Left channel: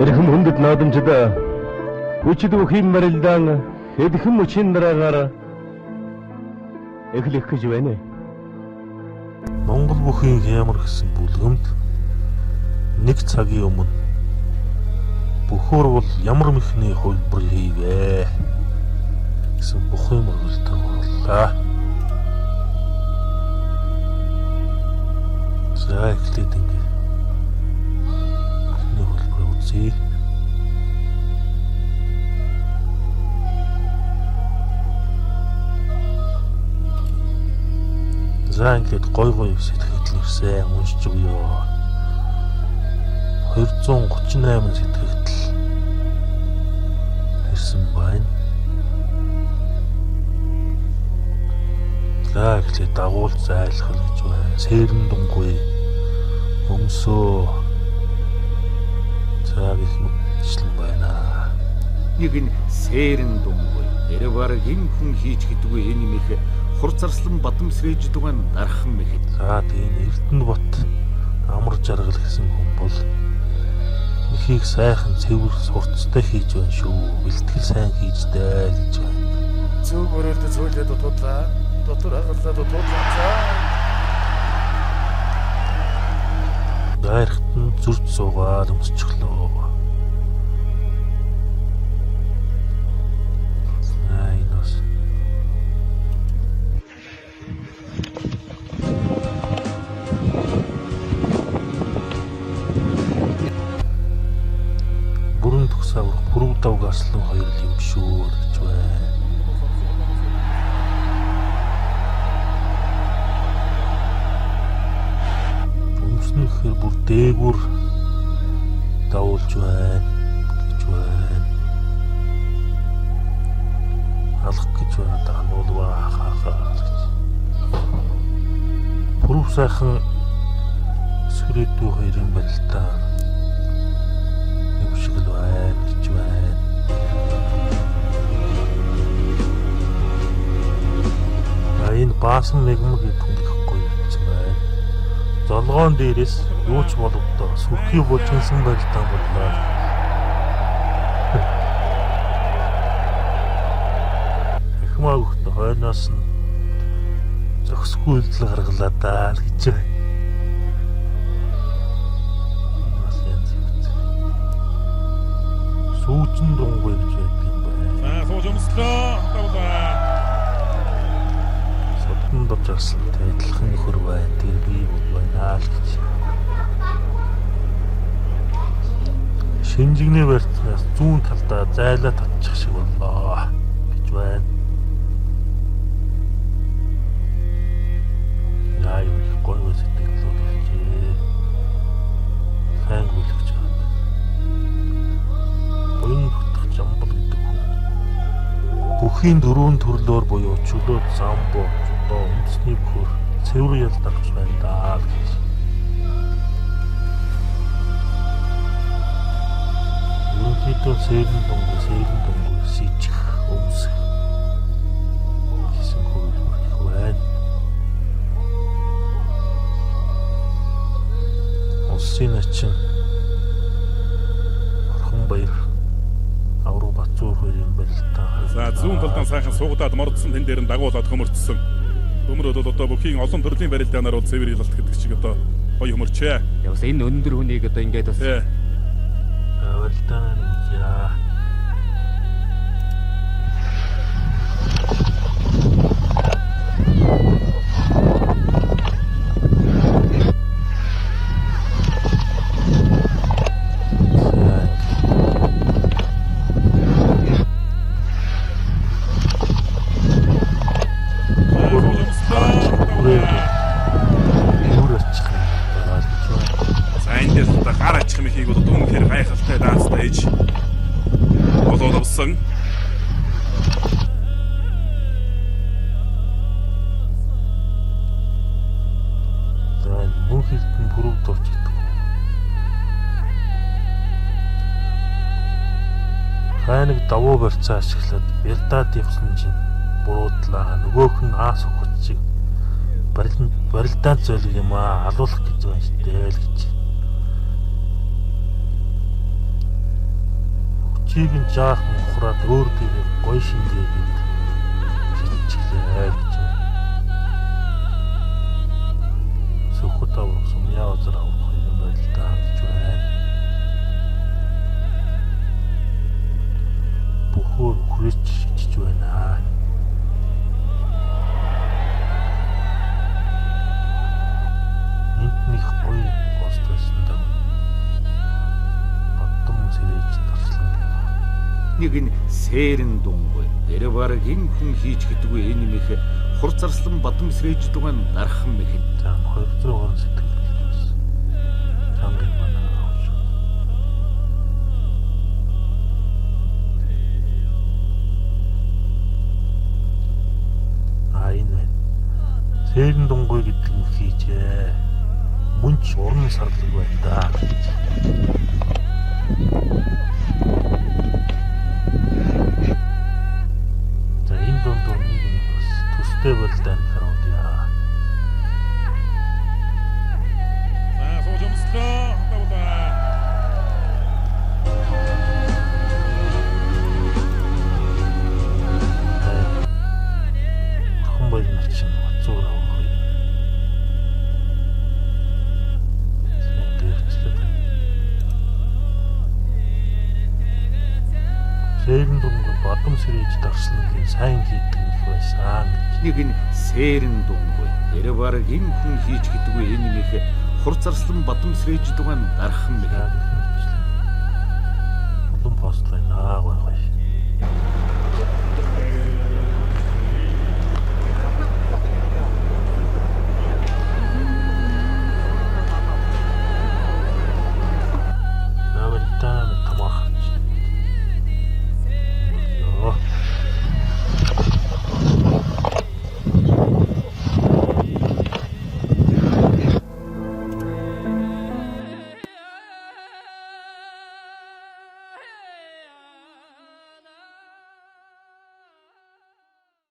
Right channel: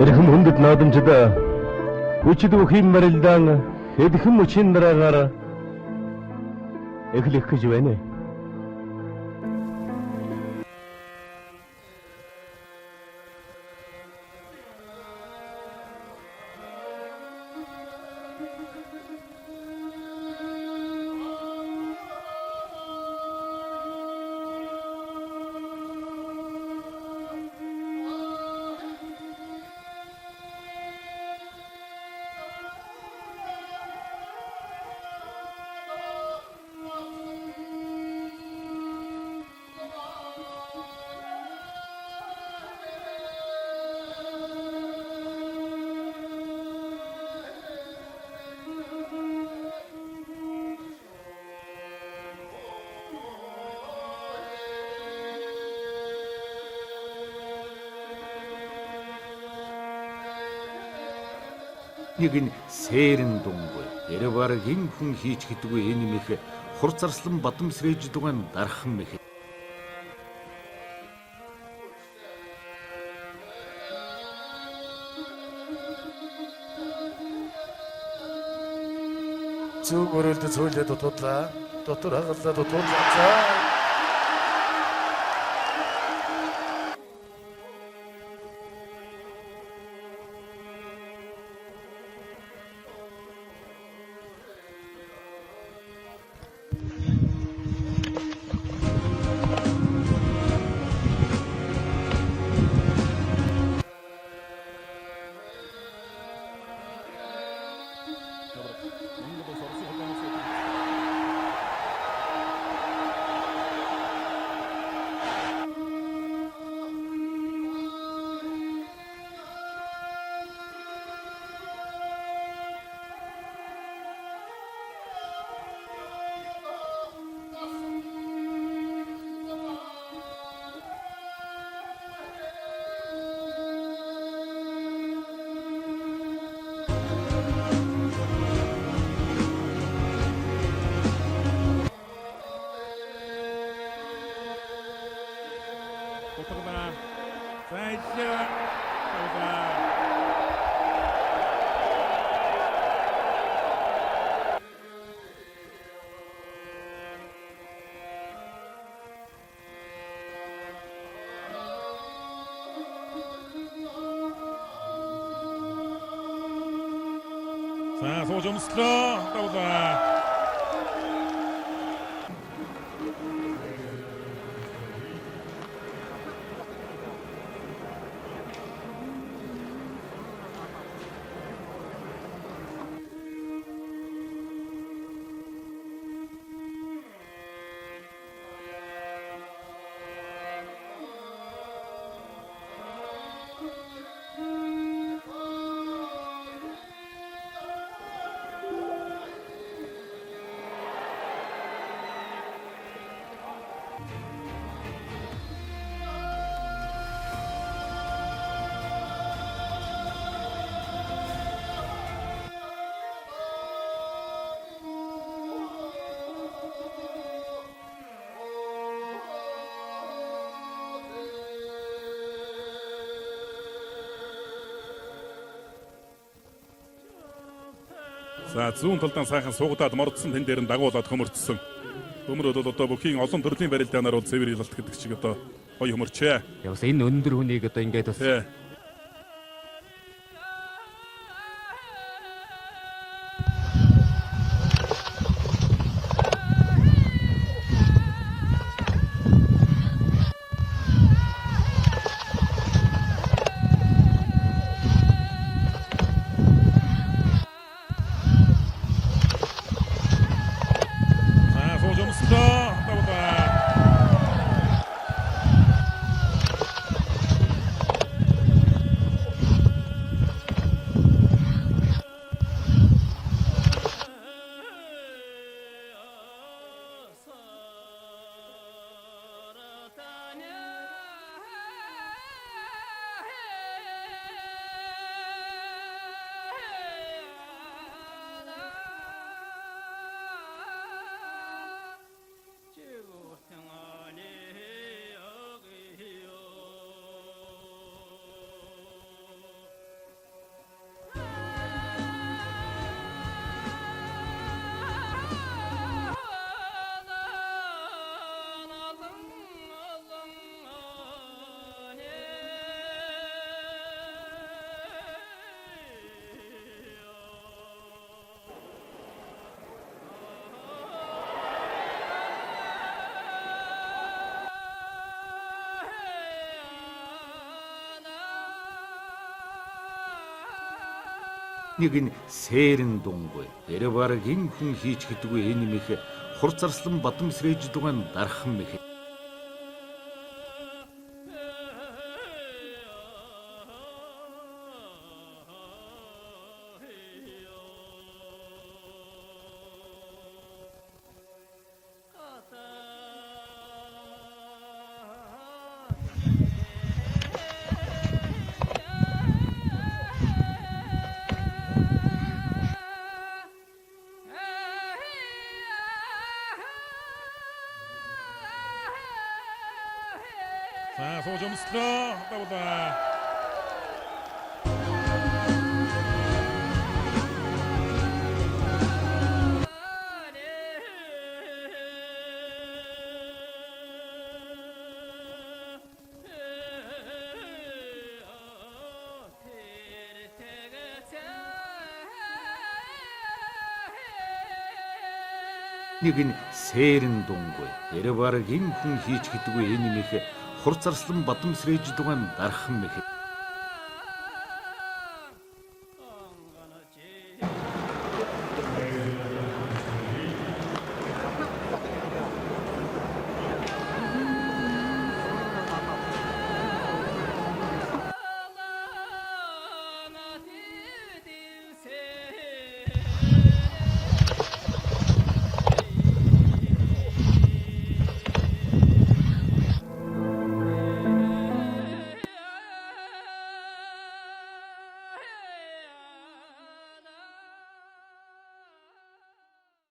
Эрхэм хүндэт наадамчид хүчит бүхий марилдаан хэдхэн мөчийн дараагаар эхлэх гэж байна. Монгол бүхий ямар гэсэн бүлгэмд нэг цагийн өмнө бүхөр бол ямар мэхний хөлбөр хийвэ гэсэн бүхий мөрөлтөө боллоо. За эхлээд ингэ хөлбөр үзье. За ингээд гой сэтгэгдэл ирсэн уншиж өгөө. 238 сэтгэгдэл ирсэн байна. За эхлээд дагуул зайлах гэж байна. Сэрэн дүнгүй өмсөө цаг их мэтлэн байна. Нэг нь сэрэн дүнгүй. Эревар хин хүн хийж гэдэггүй энэ мэх хурцарслан бадамсрэж дугаан дархан мэх. За тийм Эрдэнэ бот амар жаргал гэсэн хүн бол ихийг сайхан цэвэр сурцтай хийж байна шүү. Бэлтгэл сайн хийжтэй гэж байна. Зөв өрөөлд цөөлөд дутуудлаа. Дотор хагаллаа дутуудлаа. Гайрахт нь зүрд суугаад өмсчихлөө. Бүрэн тусаа хүрв давг аслан хоёр юм шүү гэж байна. Өмснөхөр бүр дээгүр давуулж байна гэж байна. Алах гэж байна даа нуулгаа хахаа. Бүрв сайхан сүрэтүү хоёр юм байна л та. Энэ баасан мэгмэг идэхгүй юм байна. Золгоон дээрээс юу ч боловдоо сүрхий болчихсон байж таа. Эхмаг хойноос нь зөксгүй үйлдэл гаргалаа даа гэж байна. Сүүчин дунгуй гэж байдаг юм байна. За сууж өмслөө тавлаа. Бодсон адилхан хөр бай тэрний байна л гэж. Шинжигний барьцаас зүүн талдаа зайлаа татчих шиг боллоо гэж байна. Яа гой сэтгэлээ. Сайн бүлгэж байна. Ой хөтгөж амбал гэдэг. Бүхийн дөрвөн төрлөөр буюу чөлөө самбо өмсний бүр цэвэр ялдагч байна даа. Ерөнхийдөө сэрэн дунд сийчих өмсөх гэсэн хөлбөр байна. Улсын ачин Орхон баяр авруу бацуур юм байна л та. За зүүн талдаа сайхан суугадаад мордсон тэн дээр нь дагуулад хөмөрцсөн. Хөмрөд бол одоо бүхийн олон төрлийн барилдаанаар бол цэвэр ялалт гэдэг шиг одоо гоё хөмөрчээ. Явс энэ өндөр хүнийг одоо ингээд бас барилдаан нэг давуу барьцаа ашиглаад бэлдаад явсан чинь буруудлаа. Нөгөөх нь аас хөгч чиг барилдаан зөөлөг юм аа алуулах гэж байна шүү дээ л гэж. Чийг нь жаахан ухраад өөртөө гоё шинжээд хичээлээ гэж. Сөхөд авсан яа зэрэг юм байл та гэж байна. Бухөр хүрэж чиж байна. Энтних гоё постсонд баттам сэрэж тарслан. Нэг нь сэрэн дунгүй. Тэр баг энэ хүн хийж гэдэггүй энэ юм их хурцарслан бадам сэрэж дугаан дархан мэх. За 200 гон сэтгэл. Чамд манай. Айнэ. Сэрэн дунгуй гэдэг нь хийжээ. Мөнч уран сарлаг байна да. За энэ дунд төстэй болтой харуулъя. За сууж өмслөө. Тавлаа. Хүн болгоно чинь зур авах. Сэрэн дунд бадам сэрэж дарсан нь сайн хийдэг байсан. Нэг нь сэрэн дунгүй. Тэр баг энэ хүн хийж гэдэггүй энэ юм их хурцарслан бадам сэрэж дугаан дархан мэх.